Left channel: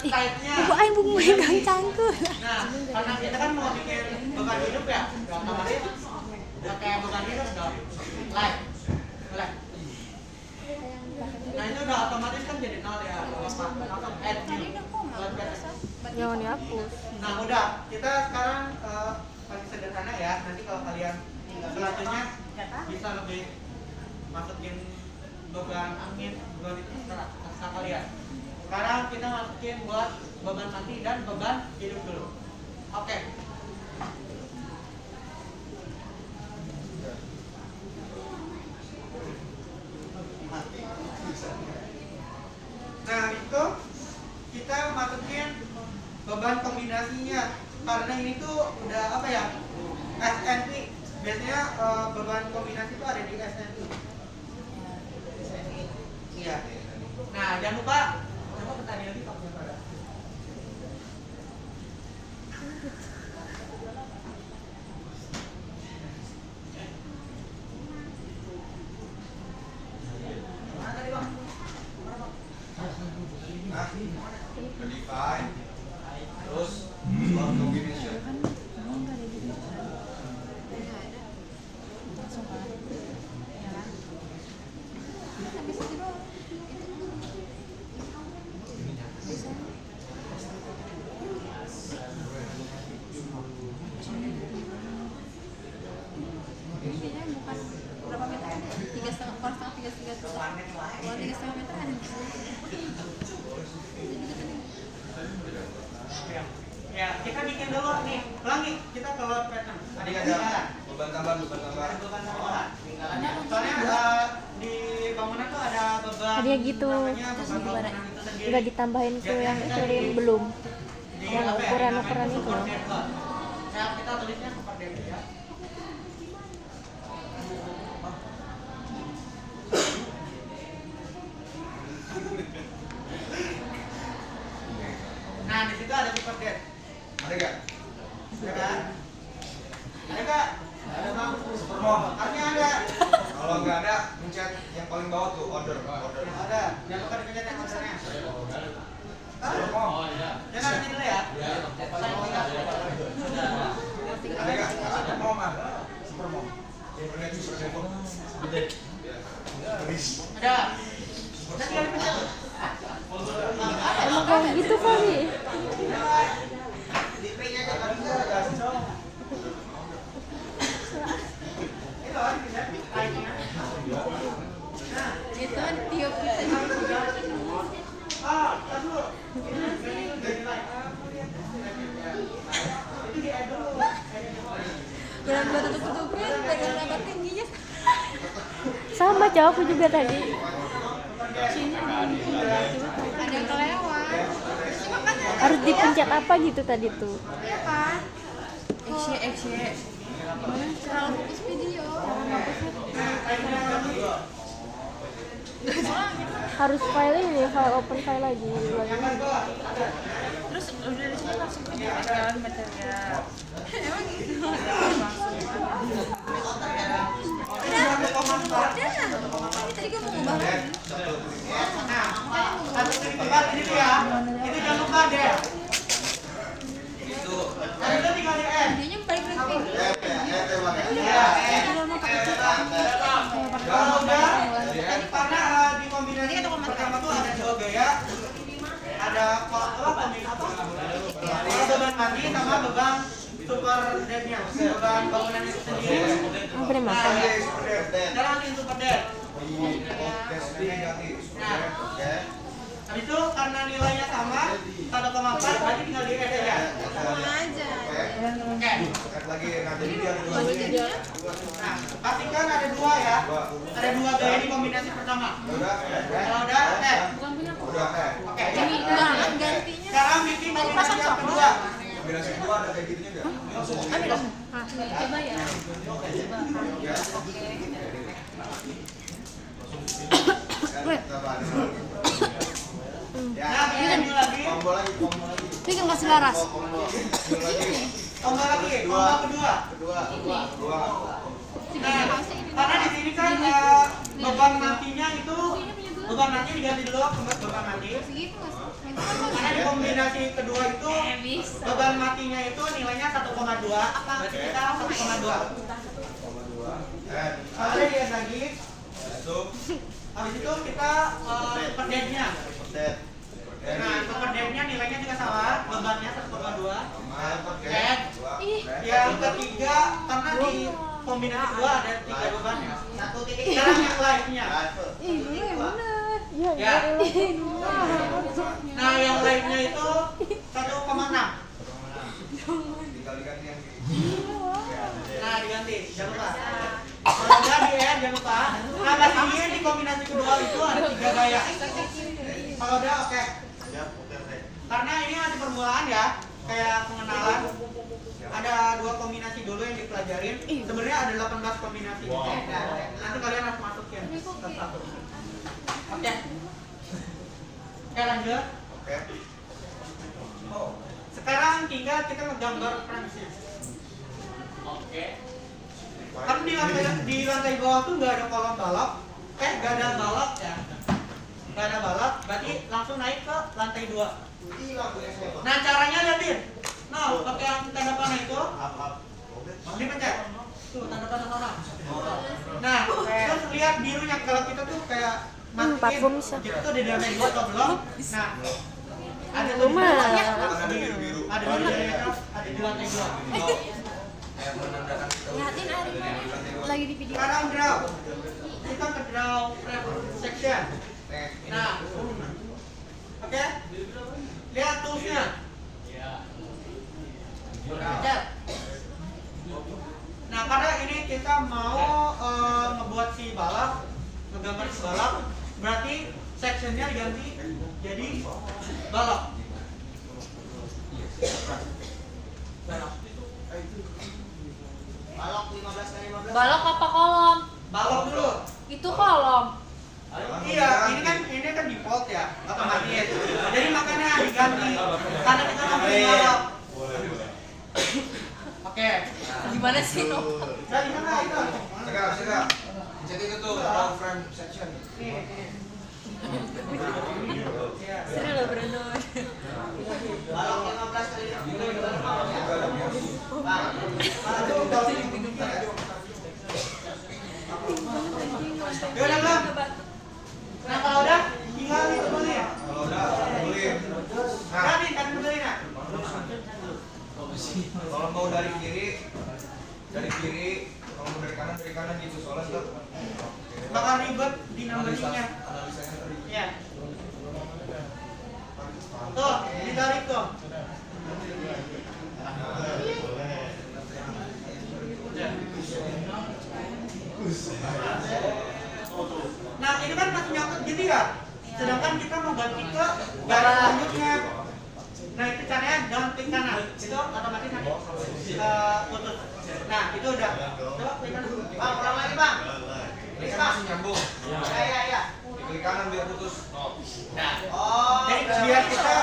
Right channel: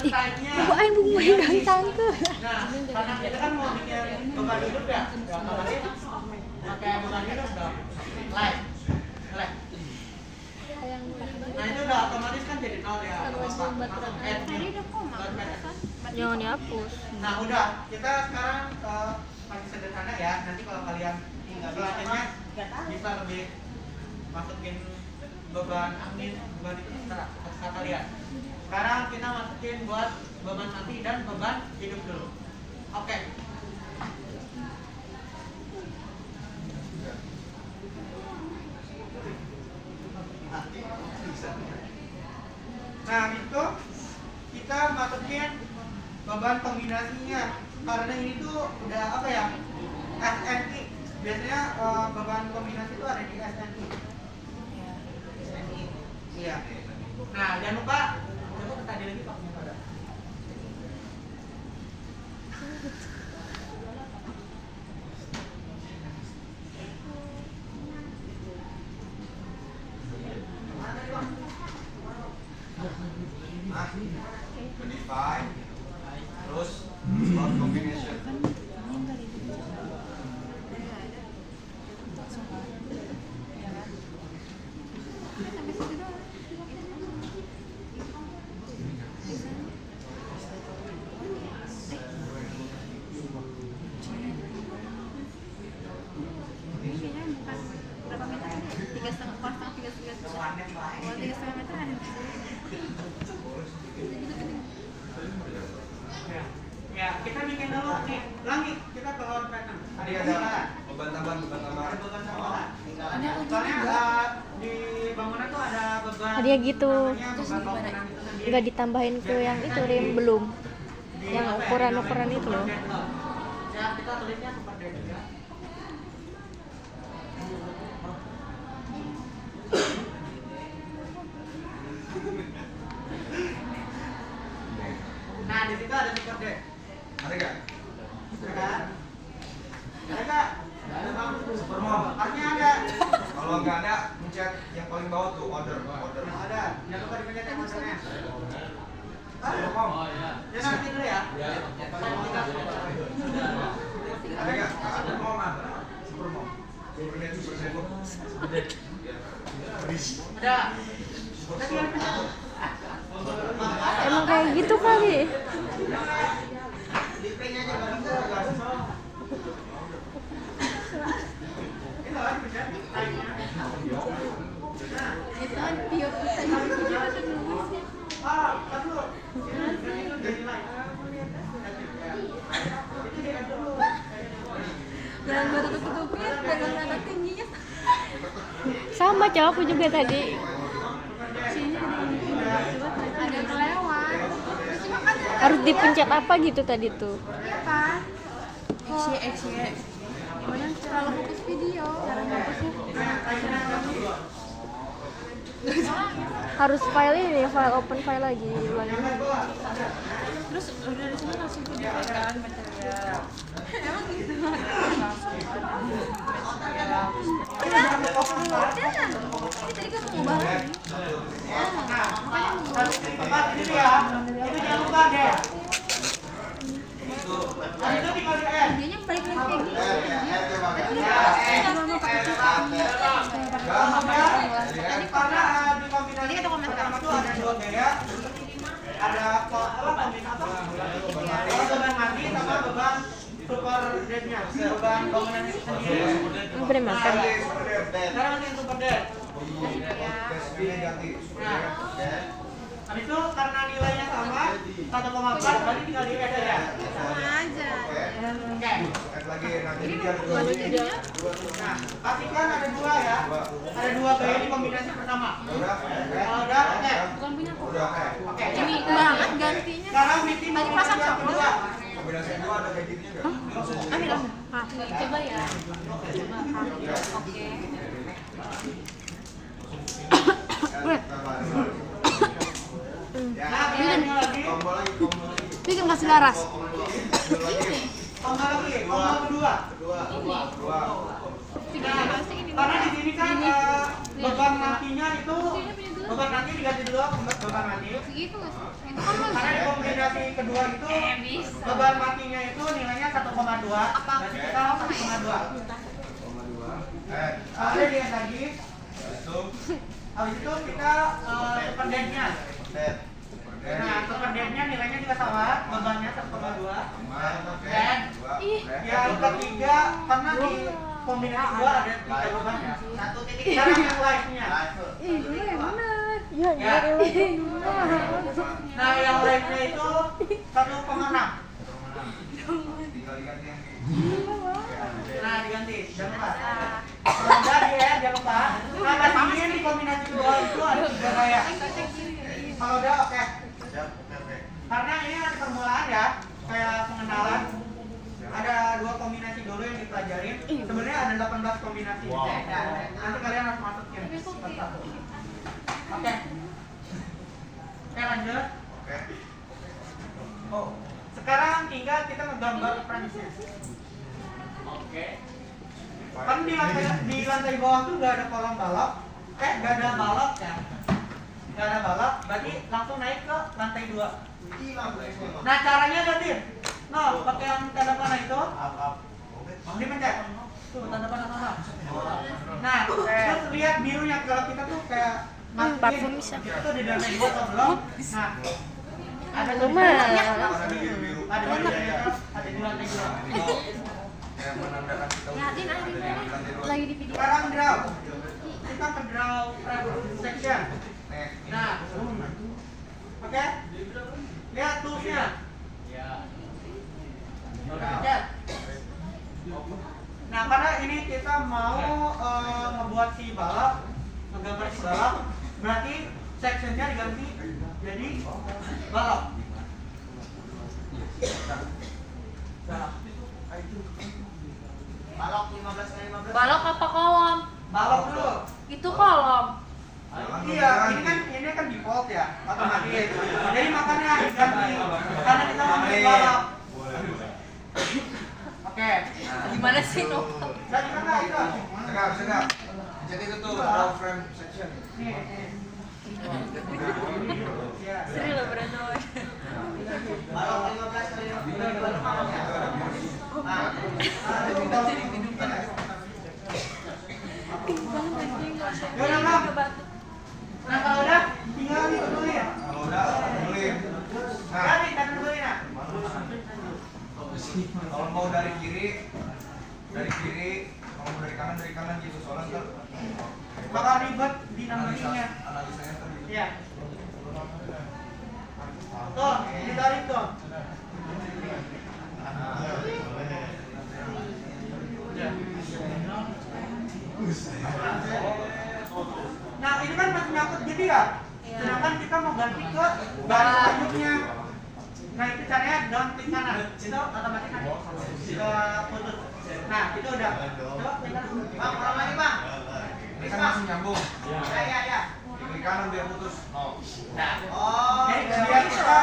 Ibu aing bung megang cangkul. Nah, karena kita kan mau bikin bekal hidup ya, otomatis pakai bekal hidup dong. Like. Nah itu udah otomatis kan jadi 0 ya. Langsung add new. Jangan dihapus. Nah udah, kita sekarang paling sederhana ya. Nanti kalau kalian selanjutnya bisa lebih masukin beban angin, beban itu terserah kalian. Sekarang kita masukin buat beban mati dan beban hidup dulu. Oke. Nah itu kita masukin beban kombinasinya, karena ini tuh udah apa ya, SNI. Biasanya beban kombinasi itu ada di SNI. Iya. Nah jangan lupa tadi lagi pakai apa? Modify, terus start combination. Ya, kita bikin dulu nih. Ulangi, kita keluar pattern. Tadi ada beban tambahan. Ada beban tambahan. Soalnya di bangunan tuh ada beban. Hadiah gitu. Namanya beban bangunan itu sendiri. Enggak ditambahin ke yang itu Rim, belum. Yang ukuran-ukuran itu loh. Ya, kita tulisnya seperti itu ya. Nah, di situ ada super dead. Ada nggak? Ada kan? Ada nggak? Ada bang. Supermom. Artinya ada. Kalau nggak ada, pencet yang paling bawah tuh order. Ada. Jangan lupa dikejar yang ordernya. Supermom. Jangan ini dulu ya. Ada nggak? Supermom ada. Supermom. Ada. Tadi yang pencet. Emang kayak gitu kali. Di P-nya aja baru dong. Itu kan pencet. Itu tiup bisa Ah, tar dulu. Itu di add dulu. baru tutupin baru nada tingginya Sama cowok aku juga tadi. ada kelewat cuma kan Harus dipencet apa gitu tadi tuh. ya kan XY mana terlalu fokus video Harus file ini, file open file lagi ulangi. terus udah dari sini langsung video kan material emang gitu langsung udah ini tadi kamu ngubah lagi Harus klik tempat ini tuh ya. Itu jangan lupa deh. Tadi itu tinggal di add. videonya balik lagi kayak gini Ya, kalau mau pakai Jadi karena di kombinasi pertama tuh ada dua gaya, ada beban mati sama beban super deadnya, beban bangunan itu sendiri. Aku boleh makan. Sekarang yang super dead. Habis itu karena nilainya sama 1,4 berarti tinggal di add aja. sama aja Oke. Lagi nanti dia ada baru jadinya Nah, pastikan ada dua ya. Ada dua gaya di kombinasi pertama. udah. Kalau udah, bukan punya aku Udah Oke. ini banget gantinya Sekarang bikin tadi kombinasi pasang yang coklat kedua. Kombinasi kedua ada kayak gitunya nggak? ambil langsung coba ya Nah, ini lagi. Combo lagi. ini kan kasih laras Tombol lagi, tombol kedua. Nah, karena di sini kan beban matinya itu beban mati diganti dulu beban mati. segitu nggak sih itu kan Karena di kombinasi kombinasi kedua itu bisa. beban matinya itu nilainya 1,2. Berarti kita 1,2. Lalu dilihat lagi. Habis itu kita super dead-nya. Nah, super dead-nya nilainya juga sama, bebannya 1,2. Dan yang ketiga, karena di kombinasi kedua ada 3 beban ya. Sekarang yang live-nya. Iya benar. Ya, Ya. Nah, yang live-nya itu 1,6. Nah, diganti, jangan lupa. Kalau udah di air, jangan lupa. Nah, pastiin di kombinasi kedua itu ada 3 gaya. Kalau udah oke. Karena ini ada permulaan ya, kayak pengenalan. Ada 2 kombinasi dulu yang dipelajarin. Sebenarnya ada 18 kombinasi. Nanti kalian harus masukin satu-satu. Oke. Oke, lanjut. Sekarang tinggal kita ngegambar Francis. Kan di lantai bawah tuh nggak ada kolom balok, nggak ada balok ya, nggak ada balok, berarti langsung naik ke lantai 2. Nah caranya ada Din, pakai yang tanda panah itu, dipencet, tuh tanda panah mana? Nah terus lihat birunya, kalau kita tuh kayak parfum bisa. kita tuh di lantai 2 atau belum? Nah ada tuh Lumayan. ada di lantai 2. Lihatin ada lagi di video. Sekarang draw. Kita ke draw section. Nah. Oke. Lihat toolsnya. Nah, pada ini kita mau ngebuat si balok, menggambar si balok, berarti sectionnya diganti jadi balok. Balok 15x15. Balok apa kolom? Balok dulu. Itu kolom. Iya, ini kan default ya, otomatis. Jadi makanya diganti karena kita mau bikin balok. Oke. Gimana sih no? Jadi mana itu? Segap. Jadi itu tuh round frame section. Seru loh berantem. Balok 15x15. Udah belum? Nah kalau udah, tinggal ditebelin. Kalau udah, tebelin. Nah, Kan tebelin ya. kalau mau dari kiri, kalau mau dari kanan gitu soalnya ntar Bakal ribet di namanya. analisanya tadi. Iya. Tuh, ditarik tuh. Nah ini kan masih nyangkut gitu ya. Sedangkan kita mau ganti ke garis selanjutnya. Nah itu caranya down klik kanan. Itu otomatis nanti putus. Nah itu udah. Coba klik kanan. Bang, ulang lagi bang. Ini kan masih nyambung. Ya. Klik kanan biar putus. Nah, Jadi biar kita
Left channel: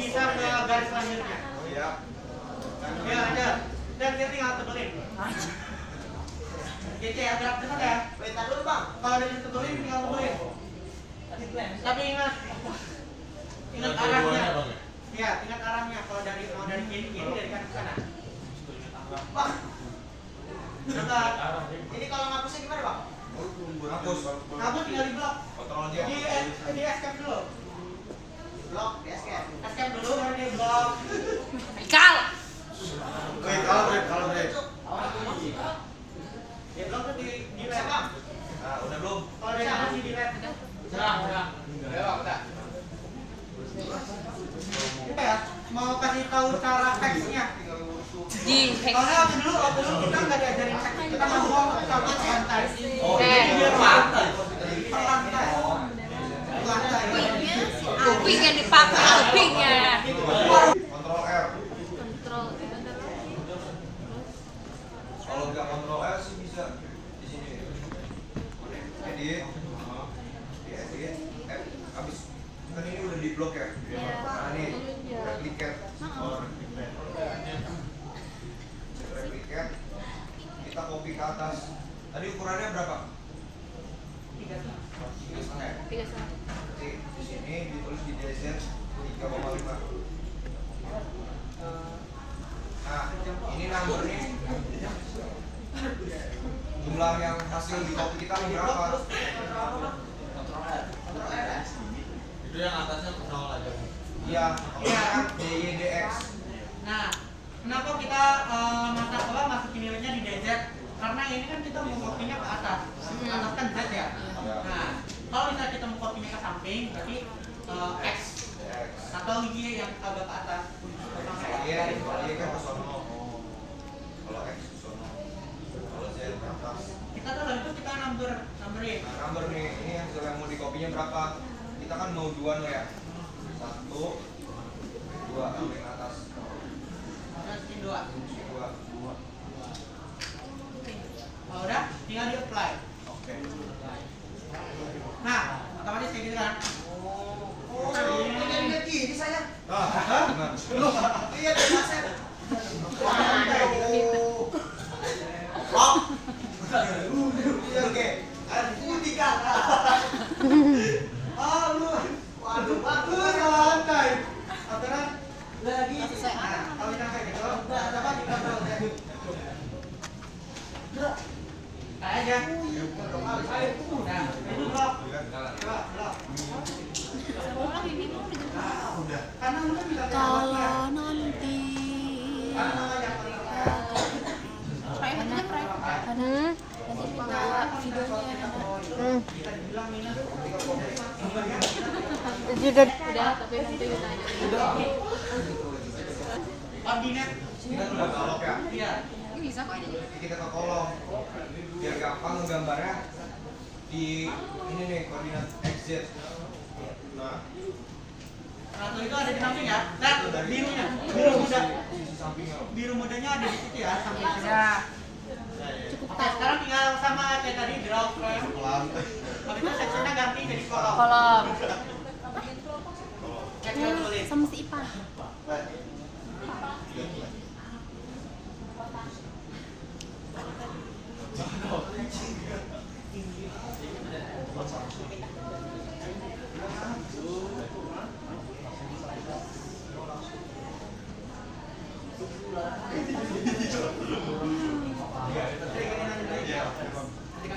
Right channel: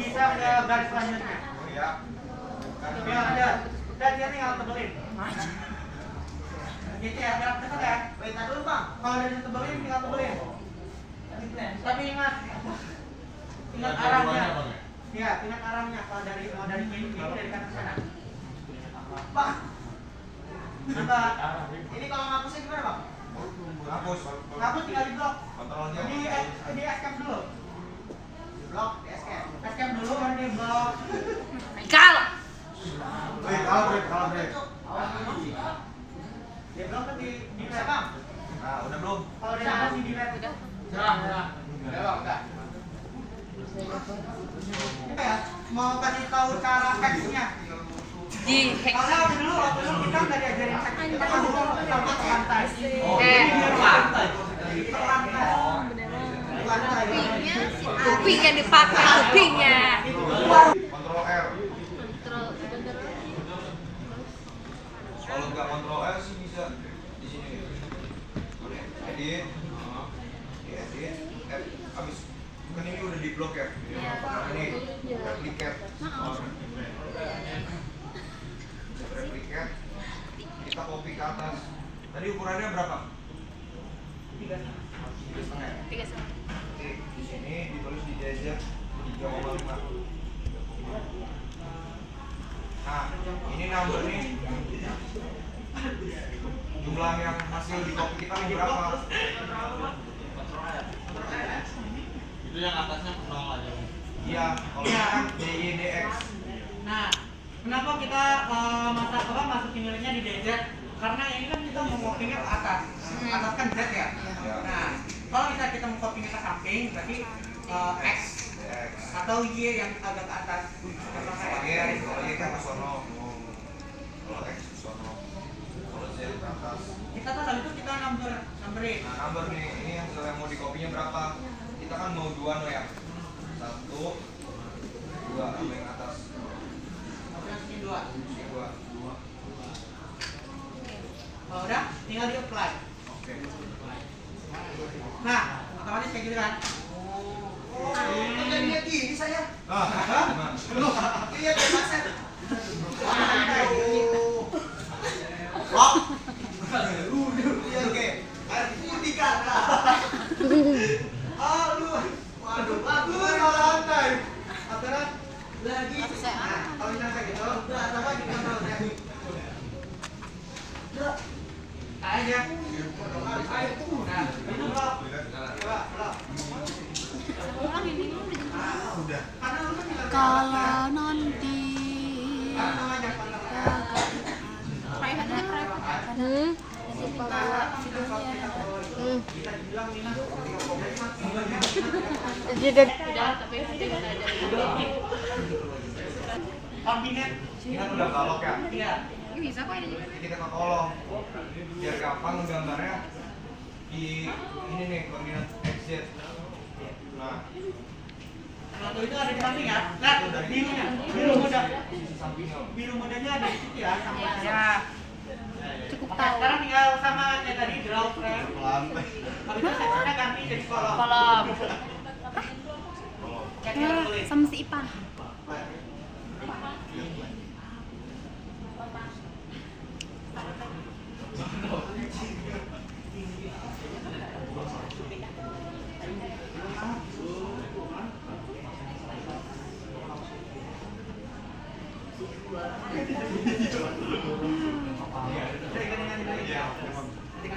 bisa ke garis selanjutnya. Oh iya. Ya ada. Dan kita tinggal tebelin. Gitu ya, gerak betul ya. wait dulu bang. Kalau udah ditebelin tinggal tebelin. Tapi ingat arahnya. Iya, ingat arahnya. Kalau mau dari kiri dari kanan ke sana. Bang, Coba ini kalau ngapusnya gimana bang? Hapus. aku tinggal di blok. Kontrolnya. Di escape dulu. Blok, escape. Escape dulu baru di blok. Kal. Kalau break. Di blok tuh di left bang. Nah, udah belum? Kalau dari kanan sih di left. Udah bang, udah. Kita ya mau kasih tahu cara hacksnya. Di Soalnya waktu dulu kita nggak diajarin hack. Kita ngomong sama santai. Oke. Santai. Kupingnya dipakai kupingnya. Kontrol R. Kalau nggak kontrol R sih bisa di sini. Edit. Edit. Habis kan ini udah di blok ya. Nah ini replicate. Replicate. Kita copy ke atas. Tadi ukurannya berapa? 3,5. 3,5. Oke, di sini ditulis di DZ 3,5. Nah, ini number nih. Jumlah yang hasil di copy kita nih berapa? Itu yang atasnya nol aja. Iya, kalau ini kan DYDX. Nah, kenapa kita masukin nilainya di DZ? Karena ini kan kita mau copy-nya ke atas. Atas kan Z ya. Nah, kalau misalnya kita mau copy-nya ke samping, berarti X atau Y yang agak ke atas. Kalau Y kan ke sono. Kalau X ke sono. Kalau Z ke atas. Kita tuh lalu itu kita numberin. Nah, number nih, ini yang misalnya mau di copy-nya berapa? Kita kan mau 2 ya. 1 2 ambil yang atas. Masukin 2. 2. Kalau udah, tinggal di apply. Oke. Nah, otomatis kayak gitu kan. Oh, udah lihat gini saya. Gimana? Lihat ya Mas. Oke. Putih kan. Waduh, santai. Aturan lagi. Kalau yang kayak gitu, coba kita ya. Aja. Ayo, nah, itu blok. Coba, blok. Orang ini mau Udah. Karena lu kan bilang kalau nanti private videonya bisa dibilang minus. Sudah. udah tapi nanti kita aja Koordinat. Kita udah galok ya. Iya. ini bisa kok ini Jadi kita ke kolom. Biar gampang nggambarnya di ini nih koordinat XZ. Nah, Satu itu ada di samping ya. Nah, birunya, sisi sampingnya. biru mudanya ada di situ ya. Sama ya cukup Oke, tahu sekarang tinggal sama kayak tadi draw frame. Habis itu sectionnya ganti jadi kolom. kolom Kayak tinggal tulis. sama si Ipa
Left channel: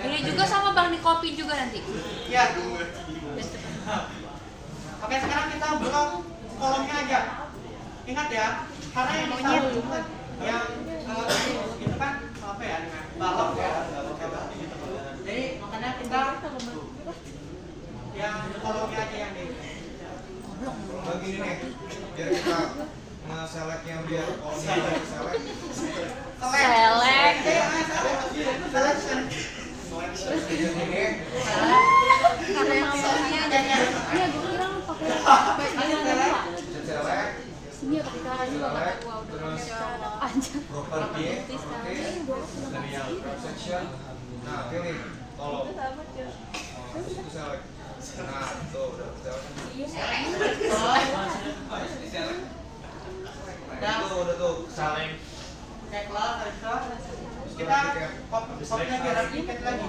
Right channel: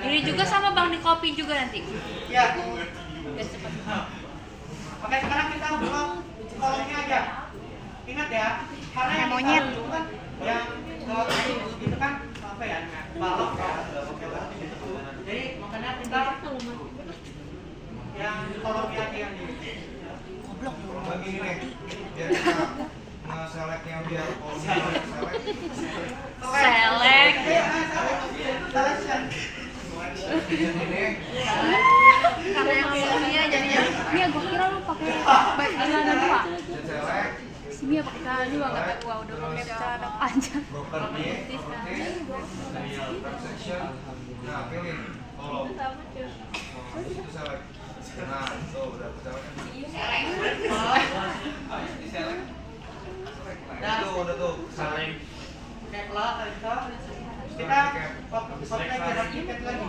ini juga sama bang di kopi juga nanti Iya. Oke, sekarang kita blok kolomnya aja. Ingat ya, karena yang kita itu kan yang itu kan apa ya? Balok ya. Jadi makanya kita yang kolomnya aja yang di Lagi ini nih, biar kita nge-selectnya biar kolomnya select. Select. selection. Ini karena yang awalnya jadinya iya gue kira lu pakai select, sini ya pakai kali wah udah pakai cara panjang property, section. Nah, pilih kolom. Habis itu select. Nah, tuh udah select. Udah tuh, saling. Kayak kelas, kita copy lagi, replicate lagi.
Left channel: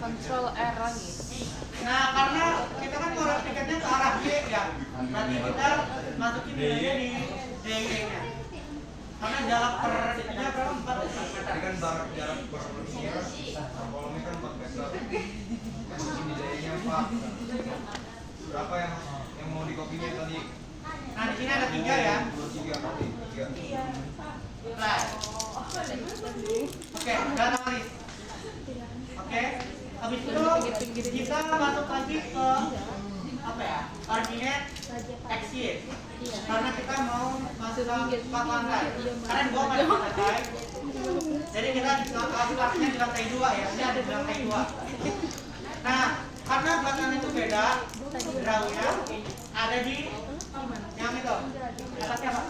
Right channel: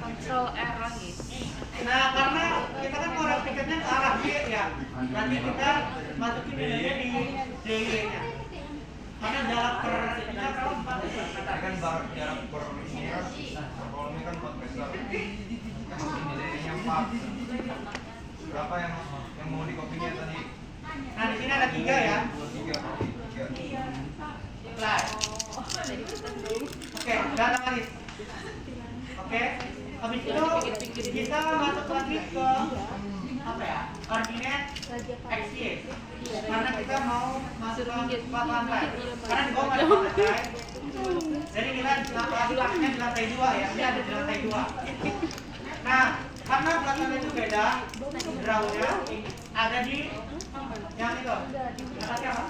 Control R lagi Nah, karena kita kan mau replikatnya ke arah Y ya. Nanti kita masukin nilainya di DY-nya. Karena jarak per itunya berapa? 4 Ini kan jarak per ininya, kolomnya kan 4 meter. Ini jadinya 4. Berapa yang mau dikopinya tadi? Nah, di sini ada 3 ya. 2, 3, 3. Apply. Oke, udah analis. Oke, habis itu kita masuk lagi ke apa ya? Ordinate XY. Karena kita mau masuk ke 4 lantai. Karena di bawah ada 4 lantai. Jadi kita lakukannya di lantai 2 ya. Ini ada di lantai 2. Nah, karena belakangnya itu beda, drawnya ada di yang itu. Atasnya apa?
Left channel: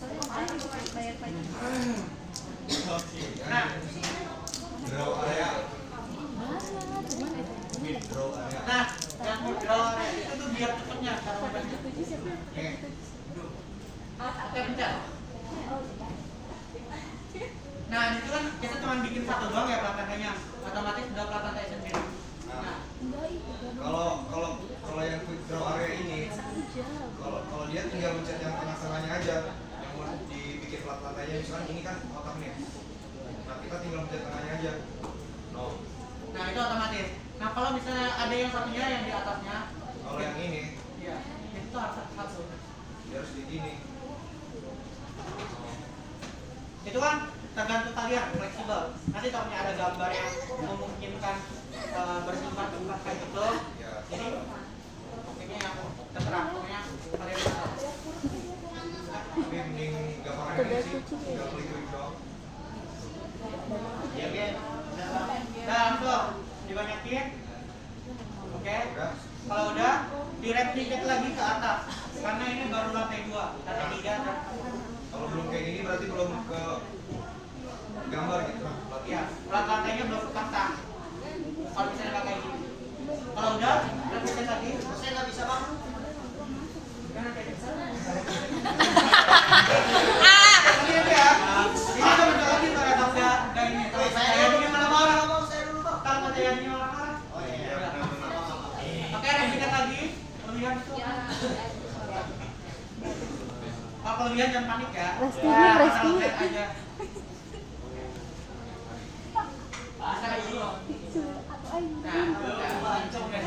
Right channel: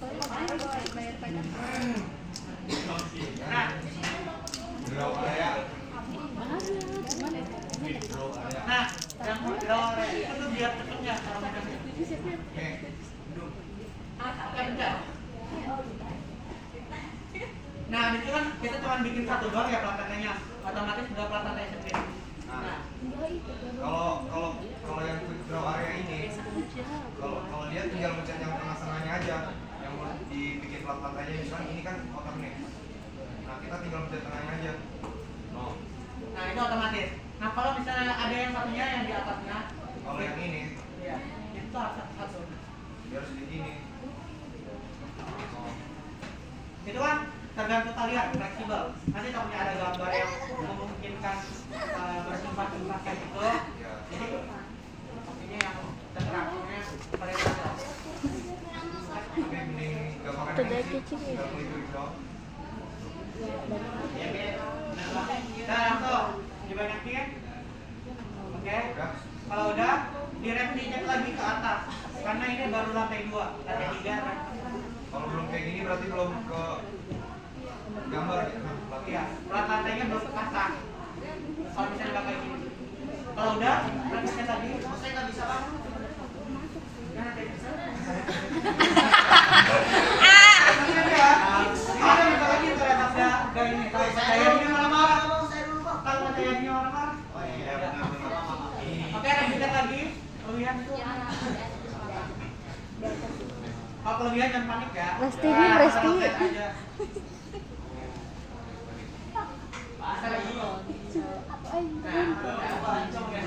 Nah, Draw area. nah, yang draw itu tuh biar cepetnya cara mainnya. Nih, Oke, pencet. Nah, itu kan kita cuma bikin satu doang ya plat lantainya. Otomatis udah plat lantai sendiri. Nah, kalau yang quick draw area ini Kalau dia tinggal mencet yang tengah-tengahnya aja, yang mau dibikin plat lantainya, misalkan ini kan otak nih. Nah kita tinggal mencet tengahnya aja. No. Nah itu otomatis. Nah kalau misalnya ada yang satunya yang di atasnya, Kalau yang ini, iya, itu harus satu. dia harus di gini. Itu kan tergantung kalian, fleksibel. Nanti takutnya ada gambar yang memungkinkan bersumpah-sumpah kayak gitu. Ya. Jadi ini yang terserah, pokoknya kalian bisa. Tapi mending gak pakai Itu dari ini sih, kucing ya? gak klik-klik doang. Nah langsung dibanyakin. Oke. Udah. Kalau udah, direplicate lagi ke atas. Karena ini baru lantai 2, lantai 3 kan. Kalau belum kayak gini berarti belum ke gambar gitu. Iya, plat lantainya belum kepasang. Kalau misalnya nggak kayak gini. Kalau udah, replicate lagi. Saya nggak bisa bang. Gimana kayak gitu? Tapi nanti ya, ini kan bentar lagi ternyata nggak ini. Kalau saya ini marah-marah. Kalau saya ini marah-marah. Oh iya. Oke, replicate lagi. Kelebihan itu. Kalau kelebihan jangan panik ya. Presti ini, Presti. Santai aja. Bisa lagi. Nah, lancung ya.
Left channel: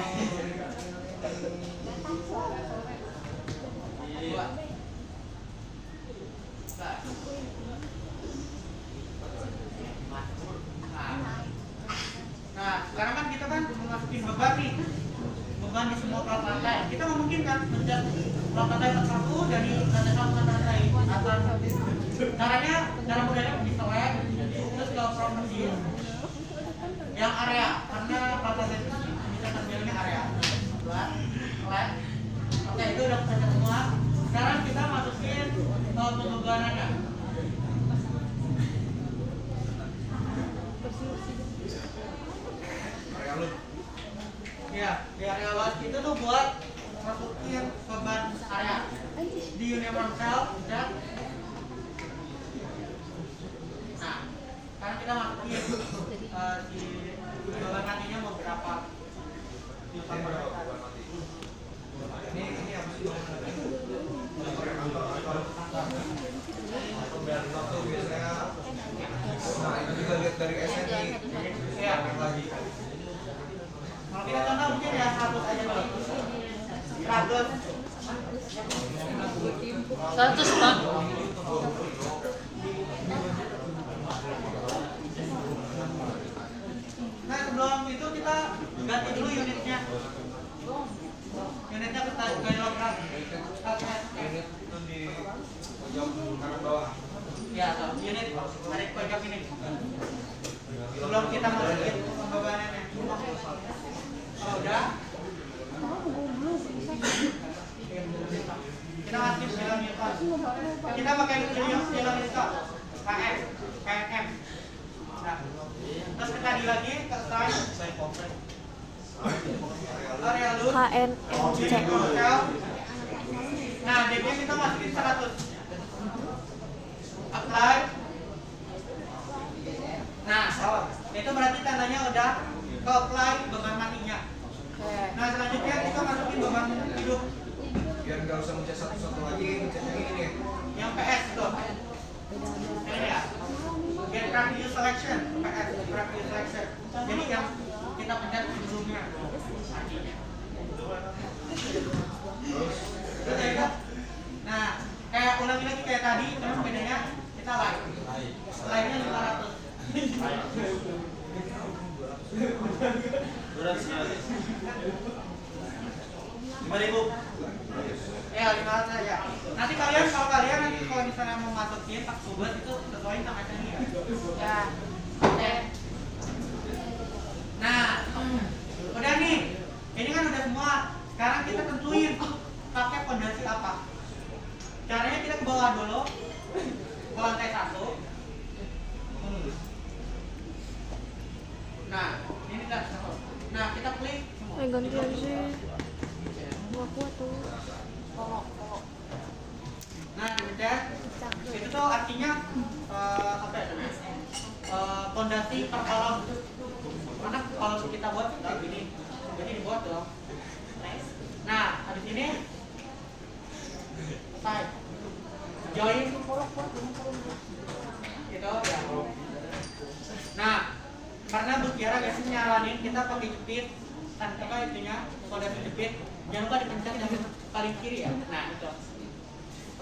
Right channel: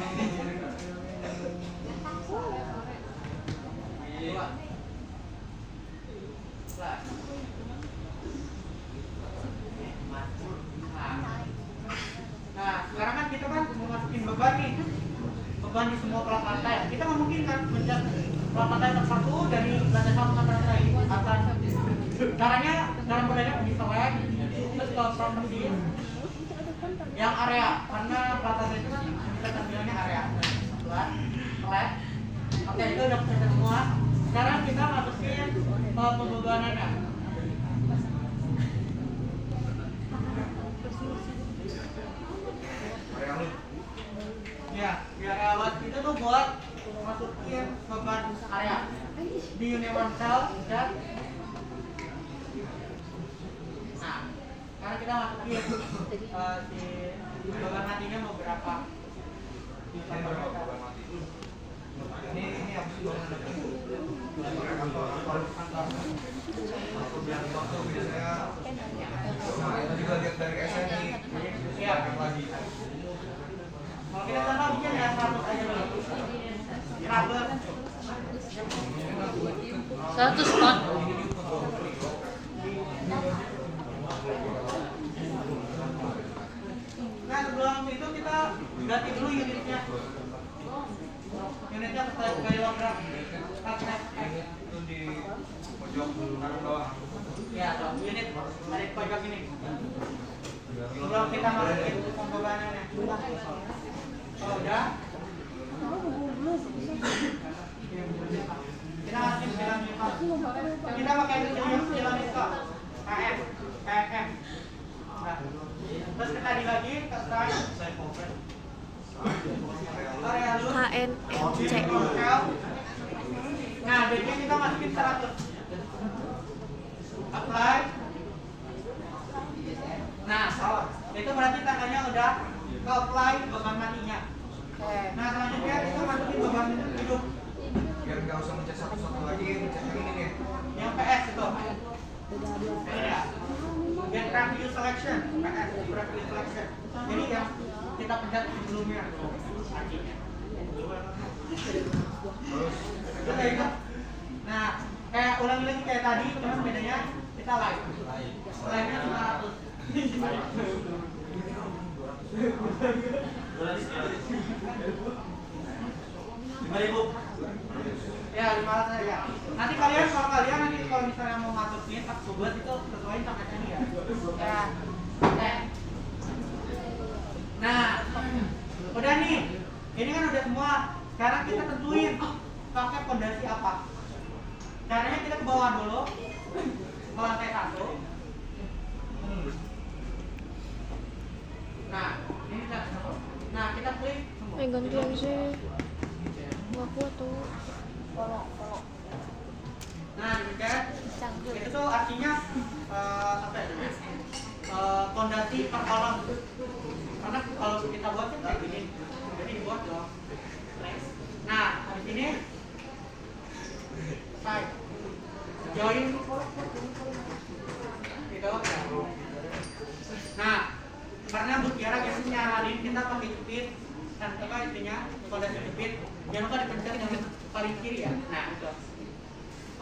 Dua. Nah, sekarang kan kita kan mau masukin beban nih. Beban di semua plat lantai. Kita nggak mungkin kan menjat plat lantai satu dari lantai satu ke lantai atas. Caranya, cara mudahnya di select, terus ke property yang area, karena plat lantai itu kan kita ambilnya area. Select. Oke, itu udah selesai semua. Sekarang kita masukin pembebanannya. Ya, di area lot itu tuh buat masukin beban area di universal dan nah, karena kita masukin si beban nantinya mau berapa Ini apa sih? Nah itu juga lihat dari SNI. ya. Lagi. Kalau kita tambah mungkin ya 100 aja dulu. 100. 100 Pak. Nah sebelum itu kita ganti dulu unitnya. Unitnya ke kilogram. Ini tuh di pojok kanan bawah. Ya, tuh, unit dari pojok ini. Sebelum kita masukin pembebanannya. Oh, udah. Kita masukin 9 Newton. Kita pakai nilai Newton. KM, KNM. Nah. Terus kita di lagi ke slide. Area loop. KNMC. Nah, DG kita masukin 100. Apply. Nah, itu berarti tandanya udah ke apply beban matinya. Nah, selanjutnya kita masukin beban hidup Biar nggak usah mencet satu-satu lagi, mencet yang ini nih. yang PS itu. Ini ya. Get preview selection, PS, preview selection. Jadi yang kita pencet sebelumnya. Nah, kayak ulangi lagi kayak tadi, cuma bedanya kita live. Live-nya 500. Ya 500 aja. Nanti kalian kalau misalnya mau masukin tak sobat itu sesuaiin sama ini ya. Ya. Oke. Nah, udah nih. Ini kan udah semua. Sekarang kita tentuin pakai fondasi apa. Caranya kita ke bawah dulu ke lantai 1. Nah, ini kan. Nah, kita klik semua. Gantian sih. Nggak kuat tuh. Nah, demikian. Itu tuh artinya apa ya? Fondasi per kolom. Karena kalau kita buat kayak gini, jadi dibuat dong. Nah, habis ini itunya, pondasi jepit. Jangan lupa dipencet yang paling kiri ya. Nah itu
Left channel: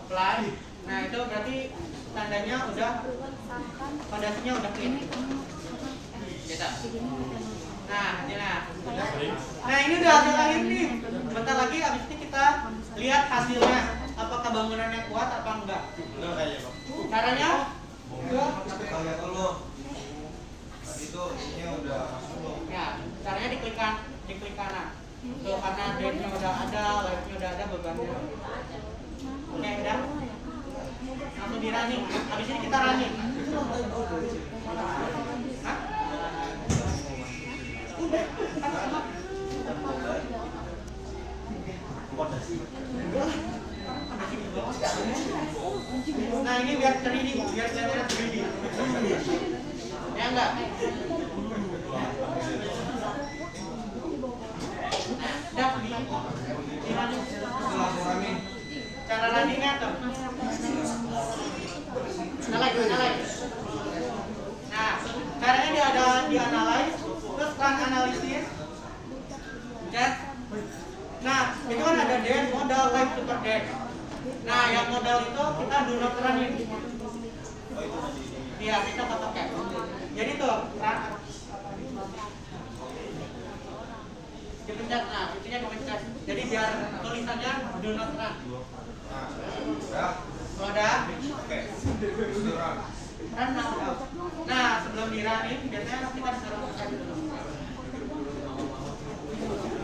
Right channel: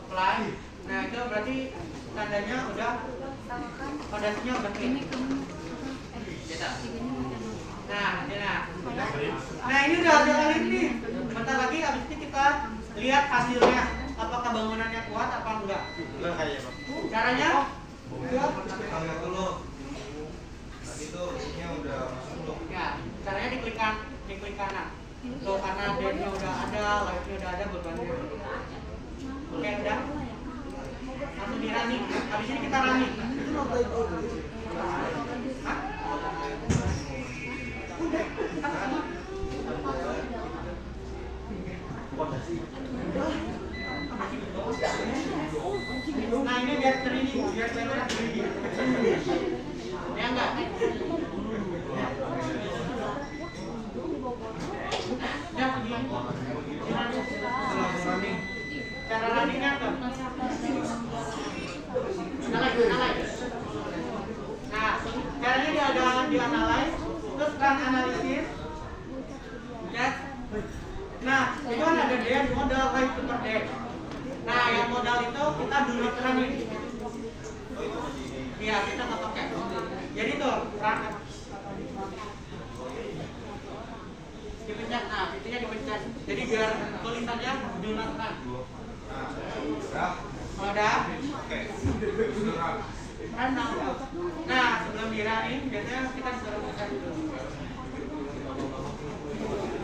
apply. Nah itu berarti tandanya udah pondasinya udah clean. Bisa. Nah ini nah ini udah ada kali ini. Bentar lagi abis ini kita lihat hasilnya. Apakah bangunannya kuat apa enggak? Udah kayaknya Pak. Caranya? Kita lihat dulu. Itu isinya udah masuk. Ya, caranya diklik kanan. Tuh karena bed-nya udah ada, light-nya udah ada, bebannya. Oke, udah. Langsung di running. Habis ini kita running. Hah? Nah ini biar 3D, biar kelihatan 3D. Ya enggak? Cara running-nya tuh. Analyze. Nah, caranya di analyze, terus run analisis. Chat. Nah, itu kan ada dead, modal, live, super dead. Nah, yang modal itu kita do not running. Iya, kita tak pakai. Jadi tuh, run. Dipencet, nah, pintunya dipencet. Jadi biar tulisannya do not run. Udah? Oke. Run now. Nah, sebelum di running, biasanya kita disuruh pencet dulu.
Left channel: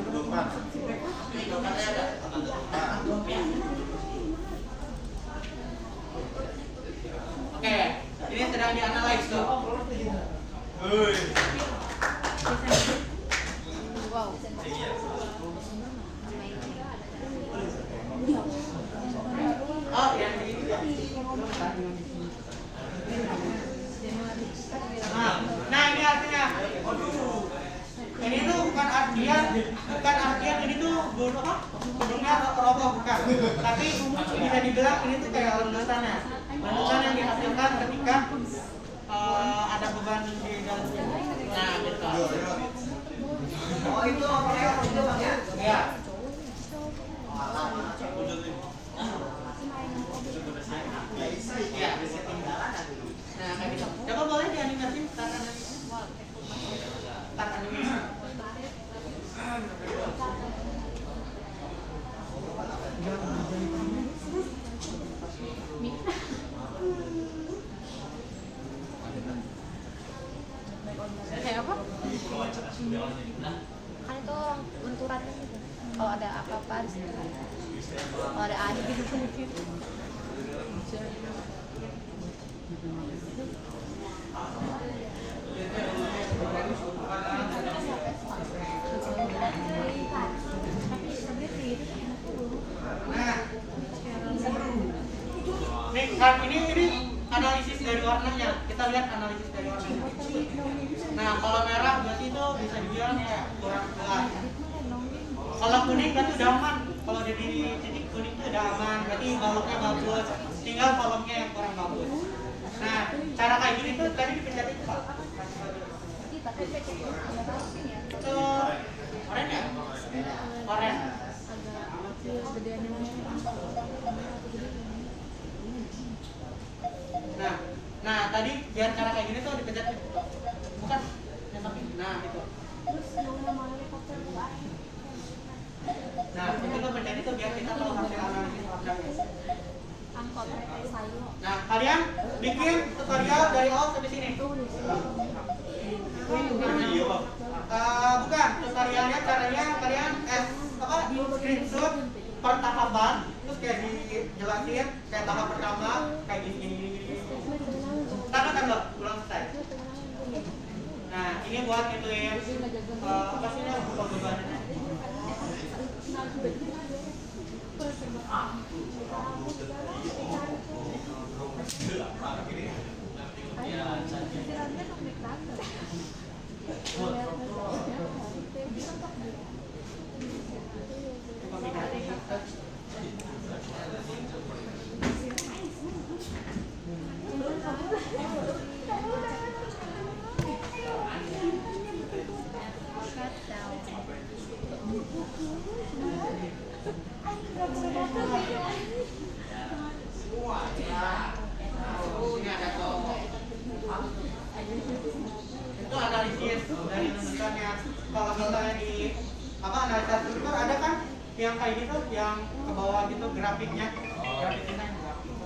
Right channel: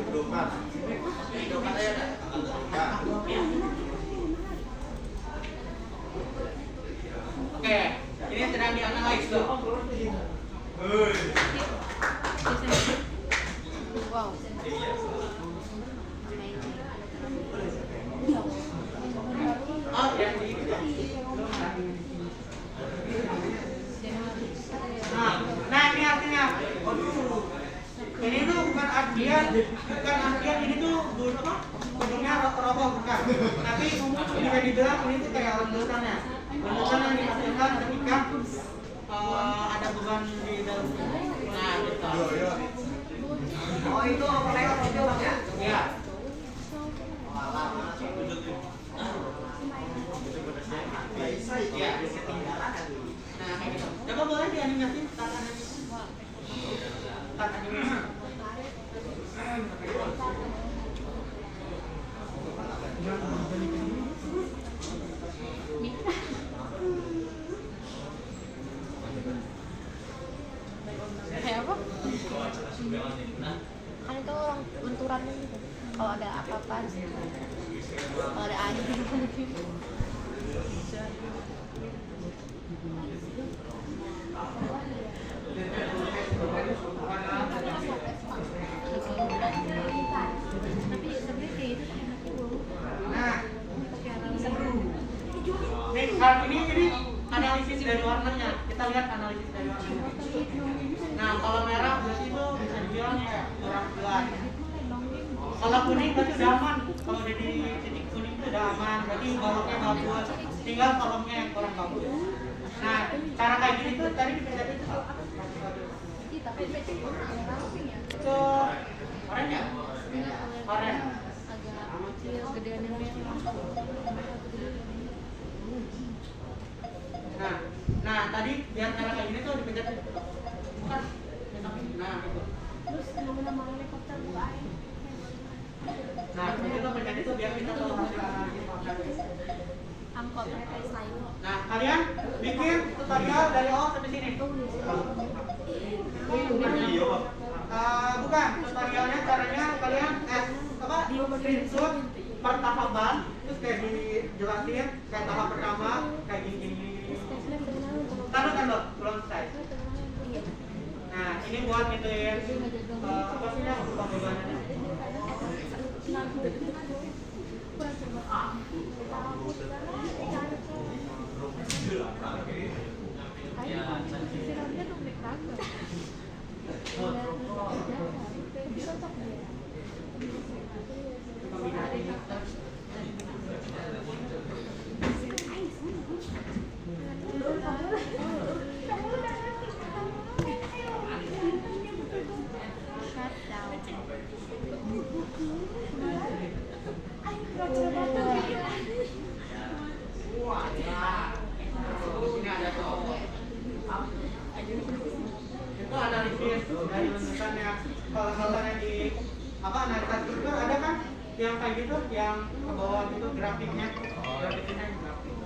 Pedoman. Pedomannya ada. Oke, ini sedang dianalisis tuh. Wow. Oh, yang ini. Nah ini artinya. Ini tuh bukan artian ini tuh gedungnya roboh bukan. Tapi bisa dibilang ini tuh kayak letusannya. Letusan yang dihasilkan ketika ada beban di dalam. Nah, gitu. Oh itu lewat itu Bang ya? Ya. Ya, bisa tinggalan. Nah, kayak gitu. Coba boleh dianimasin start animation. Kayak apa? Kan itu lenturannya gitu. Kalau ada apa-apa di situ. Kalau ada air gitu. Tapi sebenarnya kayak gitu enaknya belum. Nah, nih saat ini analisis dari warnanya. Kita lihat analisis dari warnanya. Nah, kalau merah berarti itu bisa dibilang kayak kurang jelas. Kalau kuning berarti udah aman. Kalau di titik kuning itu udah aman, berarti baloknya bagus. Tinggal kolomnya yang kurang bagus. Nah, cara kayak gini tuh tadi dipencet itu. Itu oranye ya? Oranye. Agak kecil, gedean yang Nah tadi biar cara kayak gini tuh dipencet. Bukan. Nah, itu. Terus nama helikopter buka air. Nah, kita pencet itu biar kita tahu hasil analisis warnanya. Angkot sayur. Nah, kalian bikin tutorial dari awal sampai sini. Bukan, tutorialnya caranya kalian screenshot per tahapan, terus kayak dijelasin kayak tahap pertama kayak gini. Tahu kan Mbak? Belum selesai. Nah, ini buat ngitung apa sih lah bebannya. Sini ada tuh. Itu analisis dari lulusannya. Kalau misalnya di analisa struktur ada kan yang kayak gitu, yang ke bawah gitu grafiknya. Grafiknya yang grafik.